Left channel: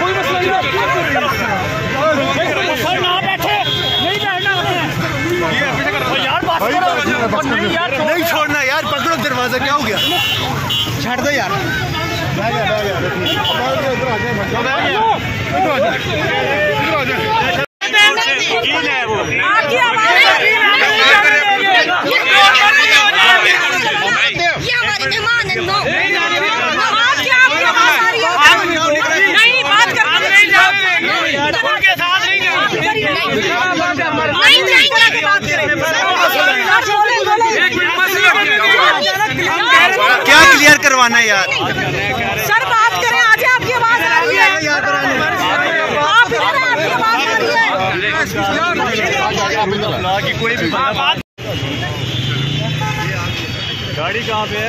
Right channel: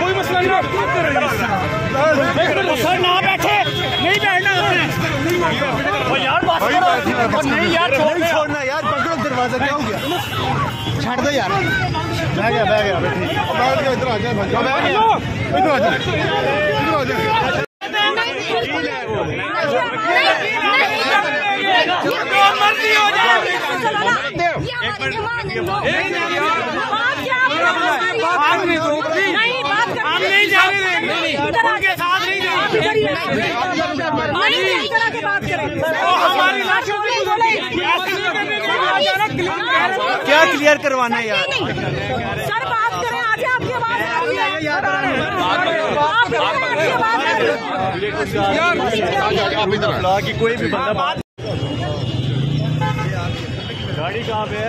कोई मसला नहीं, ना बैठे नहीं बैठना यार, बात करो नहीं छोड़ना यार, पकड़ो दरवाजा। क्या हो गया? छड़ दो यार। बह गया इधर आ जाए। ये हमारे मेहमान है। नो नहीं बात करना नहीं क्या क्लियर करवाना है यार? सर बात करें, आज आपकी आवाज आ रही है, कोई भी गाड़ी कहाँ पे है?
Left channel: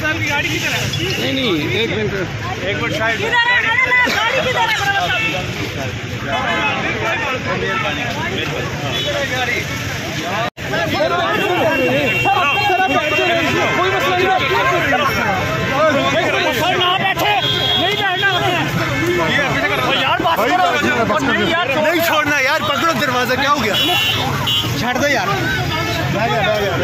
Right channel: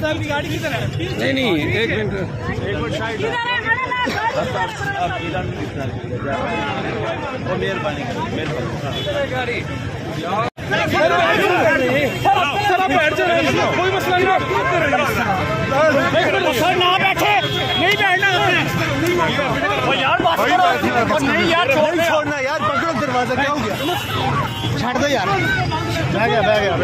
साहब की गाड़ी किधर है? नहीं एक मिनट साइड कोई मसला नहीं, ना बैठे नहीं बैठना यार, बात करो नहीं छोड़ना यार, पकड़ो दरवाजा। क्या हो गया? छड़ दो यार। बह गया इधर आ जाए।